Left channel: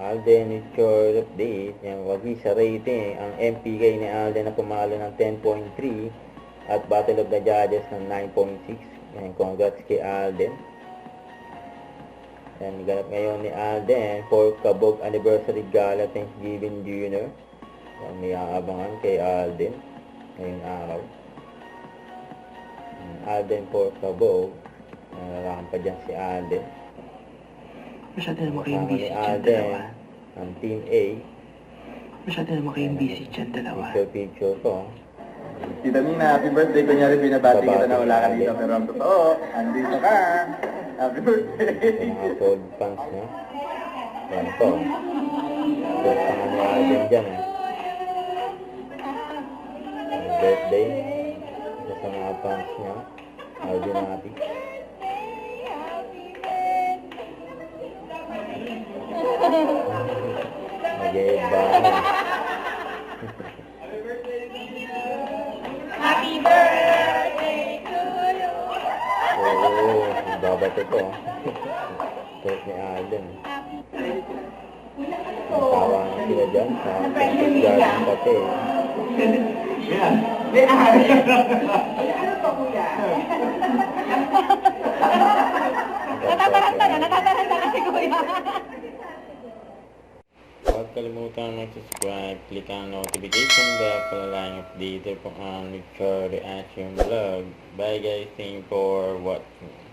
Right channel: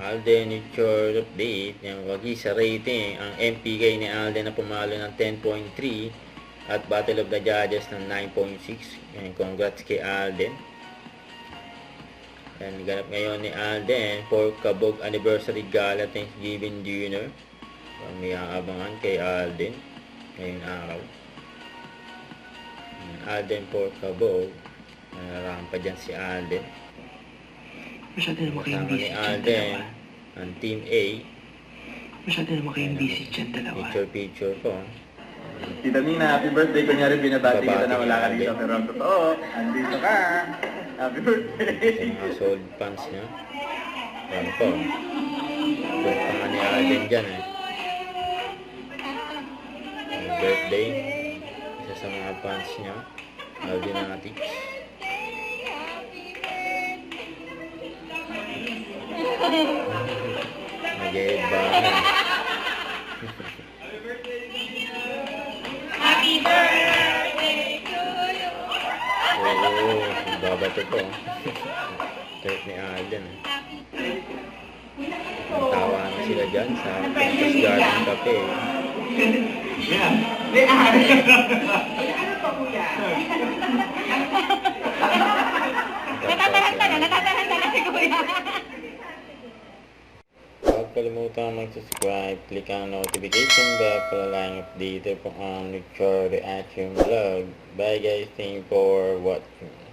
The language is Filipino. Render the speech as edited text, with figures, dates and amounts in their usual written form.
Alden, it's your update. Yung wagi sa rating, ang MPK ni Alden na pumalo ng 10.3 at Battle of the Judges ng 9.6. Congrats kay Alden. Yan, ganap ngayon ni Alden for Kabog Anniversary Gala Thanksgiving Dinner. May aabangan kay Alden ngayong araw. Alden for Kabog. Nararampa dyan si Alden. Masyado naman kayong Kasama busy ni dyan Alden dalawa. ang Team A. Masyado naman kayong busy dyan dalawa. Picture ko. Tita Nina, happy birthday. Kunyari binabati kita na wala ka Babati dito. ka. Pero ang totoo, andito ka. Happy birthday. Sa mga sold fans niya. Yan po. Birthday nga ni Alden dyan birthday. Isa sa mga fans niya. Aldenatics. Nag-e-headbang. Happy birthday to you. Oo, babato ko. Trip ni Alden. Tawa na sila dyan sa Princess Garden Cafe. Natataranta na si Kuya. Huwag kalimutan mag-subscribe, click ang notification bell para lang updated po ang Richard Reaction Vlog. Bye guys, thank you for watching.